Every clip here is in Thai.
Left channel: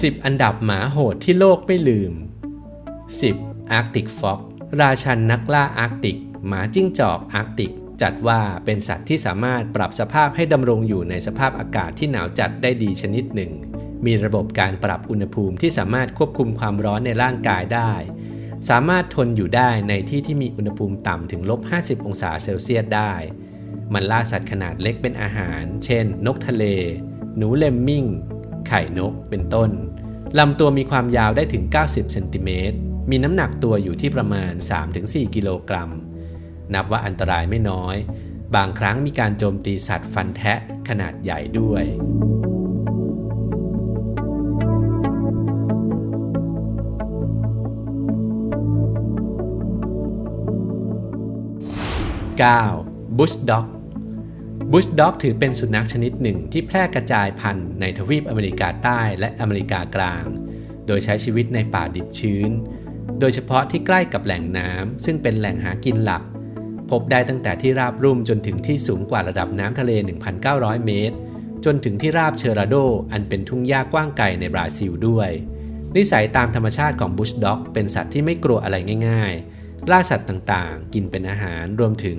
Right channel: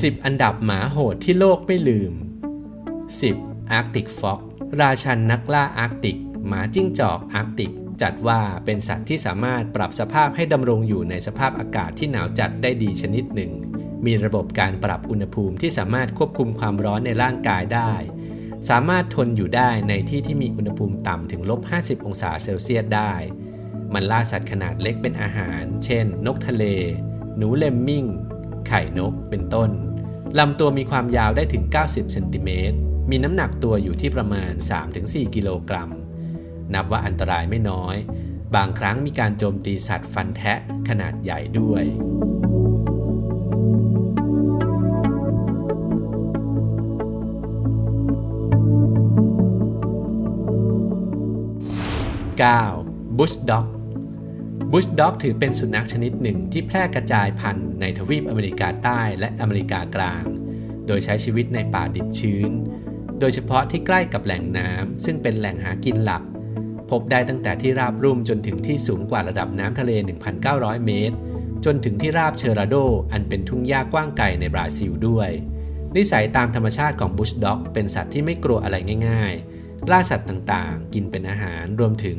10 อันดับหมาโหดที่โลกไม่ลืม 10. Arctic Fox ราชันนักล่าอาร์กติก หมาจิ้งจอกอาร์กติก จัดว่าเป็นสัตว์ที่สามารถปรับสภาพให้ดำรงอยู่ในสภาพอากาศที่หนาวจัดได้ดีชนิดหนึ่ง มีระบบการปรับอุณหภูมิที่สามารถควบคุมความร้อนในร่างกายได้ สามารถทนอยู่ได้ในที่ที่มีอุณหภูมิต่ำถึงลบ 50 องศาเซลเซียสได้ มันล่าสัตว์ขนาดเล็กเป็นอาหาร เช่น นกทะเล หนูเลมมิงไข่นก เป็นต้น ลำตัวมีความยาวได้ถึง 90 เซนติเมตร มีน้ำหนักตัวอยู่ที่ประมาณ 3-4 กิโลกรัม นับว่าอันตรายไม่น้อย บางครั้งมีการโจมตีสัตว์ฟันแทะขนาดใหญ่ด้วย 9. บุชด็อก บุชด็อกถือเป็นสุนัขชนิดหนึ่งที่แพร่กระจายพันธุ์ในทวีปอเมริกาใต้และอเมริกากลาง โดยใช้ชีวิตในป่าดิบชื้น โดยเฉพาะที่ใกล้กับแหล่งน้ำซึ่งเป็นแหล่งหากินหลัก พบได้ตั้งแต่ที่ราบรุ่มจนถึงที่สูงกว่าระดับน้ำทะเล 1,900 เมตร จนถึงที่ราบเชอราโด อันเป็นทุ่งหญ้ากว้างไกลในบราซิลด้วย นิสัยตามธรรมชาติของบุชด็อกเป็นสัตว์ที่ไม่กลัวอะไรง่าย ๆ ล่าสัตว์ต่างๆ กินเป็นอาหารรวมถึง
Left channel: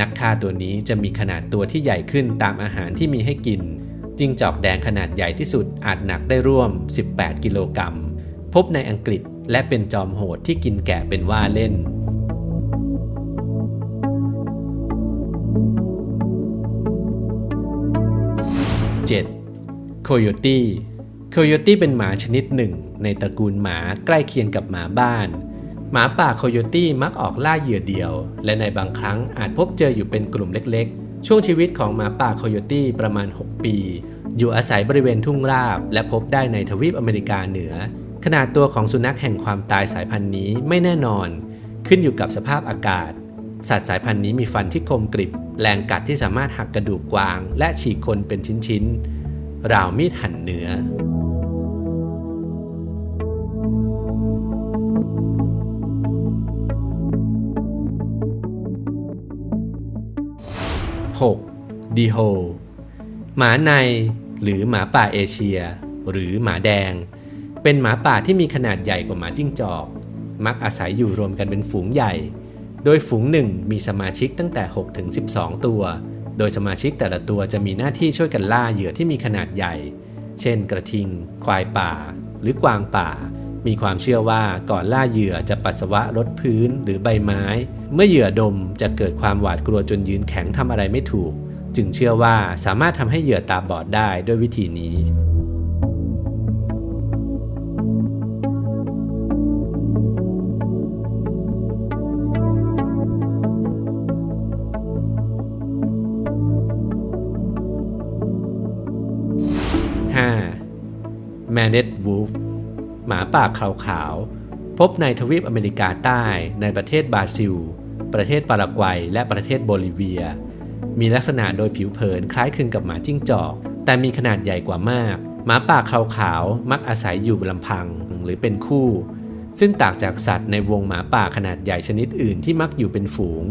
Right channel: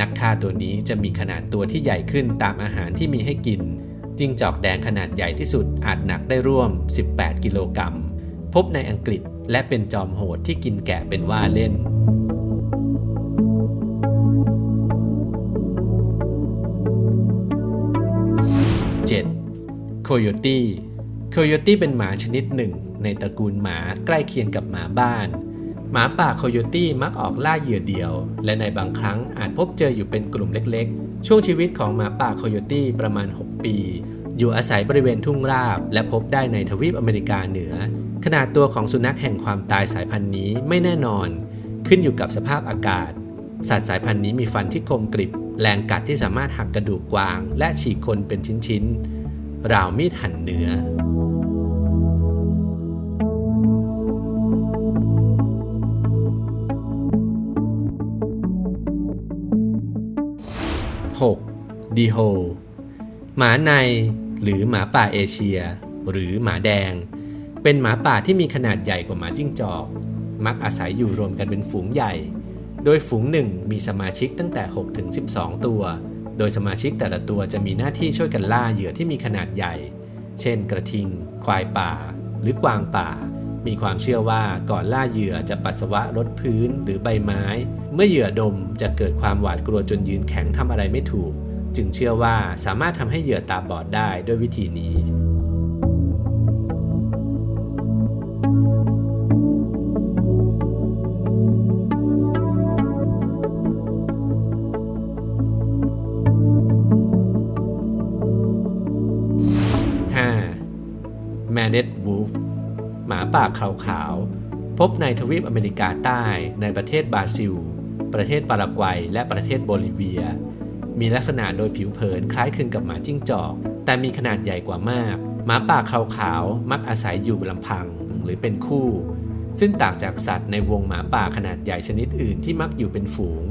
นักฆ่าตัวนี้จะมีขนาดตัวที่ใหญ่ขึ้นตามอาหารที่มีให้กิน จิ้งจอกแดงขนาดใหญ่ที่สุดอาจหนักได้ร่วม 18 กิโลกรัม พบในอังกฤษและเป็นจอมโหดที่กินแกะเป็นว่าเล่น 7. โคโยตี้โคโยตี้เป็นหมาชนิดหนึ่ง ในตระกูลหมาใกล้เคียงกับหมาบ้าน มาป่าโคโยตี้มักออกล่าเหยื่อเดียว และในบางครั้งอาจพบเจออยู่เป็นกลุ่มเล็กๆ ช่วงชีวิตของหมาป่าโคโยตี้ประมาณ 6 ปี อยู่อาศัยบริเวณทุ่งราบ และพบได้ในทวีปอเมริกาเหนือ ขนาดตัวของสุนัขแห่งความตายสายพันธุ์นี้ไม่แน่นอน ขึ้นอยู่กับสภาพอากาศ สัตว์สายพันธุ์นี้มีฟันที่คมกริบ แรงกัดที่สามารถหักกระดูกกวาง และฉีกคนเป็นชิ้นๆราวมีดหั่นเนื้อ 6. ดีโฮหมาในหรือหมาป่าเอเชีย หรือหมาแดง เป็นหมาป่าที่มีขนาดใหญ่กว่าหมาจิ้งจอก มักอาศัยอยู่รวมกันเป็นฝูงใหญ่ โดยฝูงหนึ่งมีสมาชิกตั้งแต่6ถึง12 ตัว โดยสมาชิกแต่ละตัวจะมีหน้าที่ช่วยกันล่าเหยื่อที่มีขนาดใหญ่ เช่น กระทิง ควายป่า หรือกวางป่า มีความเชื่อว่าก่อนล่าเหยื่อจะปัสสาวะรดพื้นหรือใบไม้ เมื่อเหยื่อดมจะเกิดความหวาดกลัวจนยืนแข็งทำอะไรไม่ถูก จึงเชื่อว่าสามารถทำให้เหยื่อตาบอดได้ด้วยวิธีนี้ 5. m a n e t Wolf หมาป่าขาวๆพบในทวีปอเมริกาใต้ ในประเทศบราซิล ประเทศปารากวัย และประเทศโบลิเวีย มีลักษณะโดยผิวเผินคล้ายคลึงกับหมาจิ้งจอก แต่มีขนาดใหญ่กว่ามาก หมาป่าขาวๆมักอาศัยอยู่ลำพังหรือเป็นคู่ ซึ่งต่างจากสัตว์ในวงหมาป่าขนาดใหญ่ชนิดอื่นที่มักอยู่เป็นฝูง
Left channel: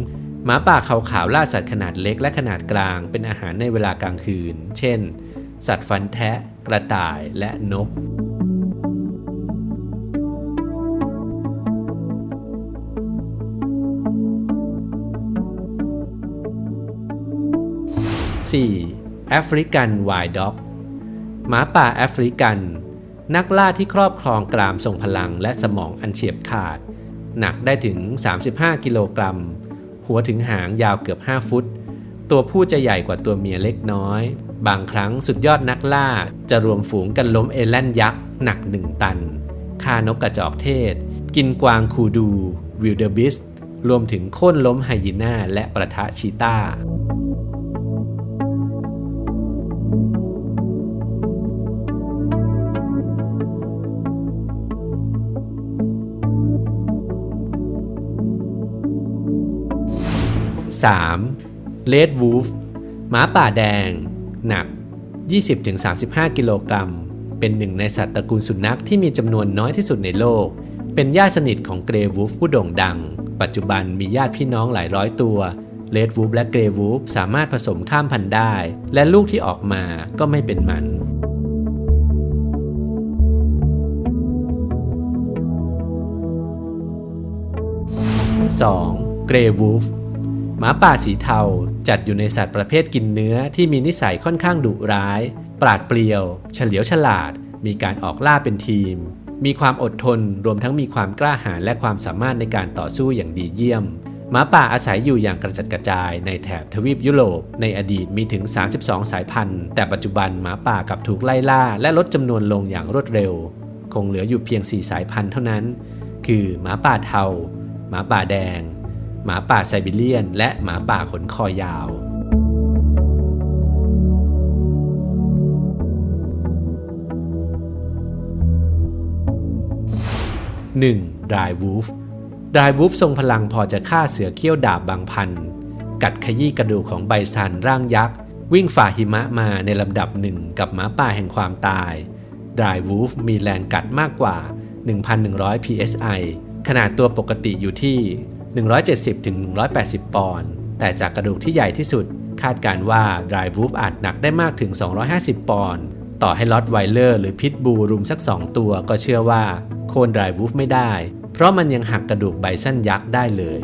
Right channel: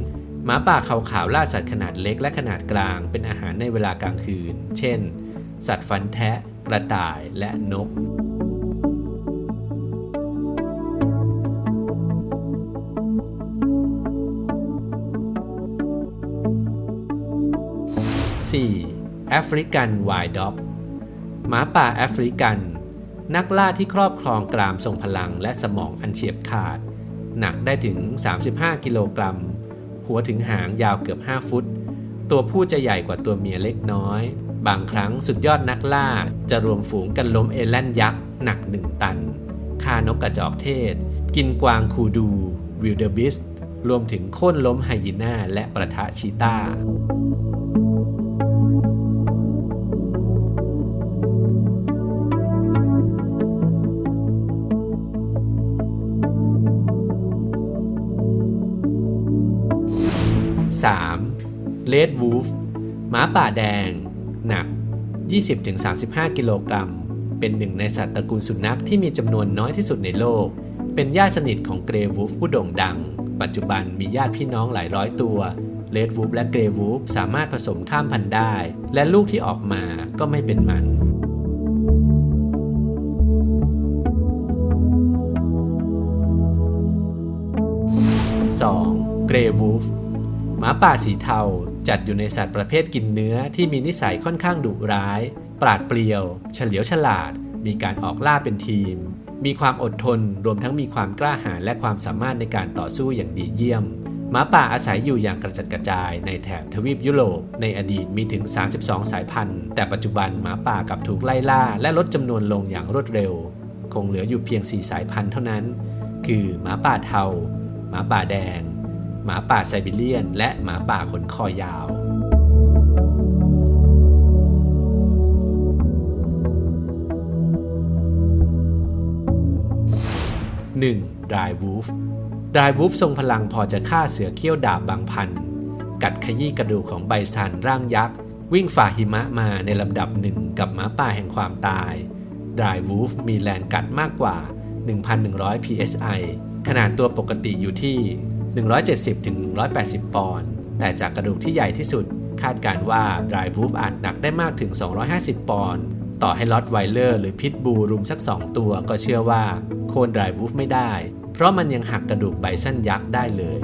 หมาป่าขาวๆล่าสัตว์ขนาดเล็กและขนาดกลางเป็นอาหารในเวลากลางคืน เช่น สัตว์ฟันแทะ กระต่ายและนก 4. แอฟริกันไวด์ด็อกหมาป่าแอฟริกัน นักล่าที่ครอบครองกรามทรงพลังและสมองอันเฉียบขาด หนักได้ถึง 35 กิโลกรัม หัวถึงหางยาวเกือบ 5 ฟุต ตัวผู้จะใหญ่กว่าตัวเมียเล็กน้อย บางครั้งสุดยอดนักล่าจะรวมฝูงกันล้มเอแลนยักษ์หนัก 1 ตันฆ่านกกระจอกเทศ กินกวางคูดู วิลเดอร์บิส รวมถึงโค่นล้มไฮยีน่าและประทะชีต้า 3. Red Wolf หมาป่าแดง หนัก 20-35 กิโลกรัม เป็นหนึ่งในสัตว์ตระกูลสุนัขที่มีจำนวนน้อยที่สุดในโลก เป็นญาติสนิทของเกรวูฟผู้โด่งดัง ปัจจุบันมีญาติพี่น้องหลายร้อยตัวเลดวูฟและเกรวูฟสามารถผสมข้ามพันธุ์ได้ และลูกที่ออกมาก็ไม่เป็นมัน 2. เกรวูฟ หมาป่าสีเทาจัดอยู่ในสัตว์ประเภทกินเนื้อที่มีนิสัยค่อนข้างดุร้าย ปราดเปรียว เฉลียวฉลาด มีการออกล่าเป็นทีม มีความอดทนรวมทั้งมีความกล้าหาญและความสามารถในการต่อสู้อย่างดีเยี่ยมหมาป่าอาศัยอยู่อย่างกระจัดกระจายในแถบทวีปยุโรป ในอดีตมีถึง 32 สายพันธุ์ แต่ปัจจุบันหมาป่ากลับถูกไล่ล่า และลดจำนวนลงอย่างรวดเร็ว คงเหลืออยู่เพียง 4 สายพันธุ์เท่านั้น คือหมาป่าเทาหมาป่าแดง หมาป่าไซบีเรียน และหมาป่าขนคอยาว 1. ดายวูฟดายวูฟทรงพลังพอจะฆ่าเสือเขี้ยวดาบบางพัน กัดขยี้กระดูกของไบซันร่างยักษ์ วิ่งฝ่าหิมะมาในลำดับหนึ่งกับหมาป่าแห่งความตายดายวูฟมีแรงกัดมากกว่า 1,100 psi ขนาดตัวปกติอยู่ที่ 170-180ปอนด์ แต่จากกระดูกที่ใหญ่ที่สุด คาดการว่าดรายวูฟอาจหนักได้มากถึง 250 ปอนด์ ต่อให้ลอตไวเลอร์หรือพิทบูรุมสัก 2 ตัวก็เชื่อว่า โค่นดรายวูฟไม่ได้ เพราะมันยังหักกระดูกไบซันยักษ์ได้เลย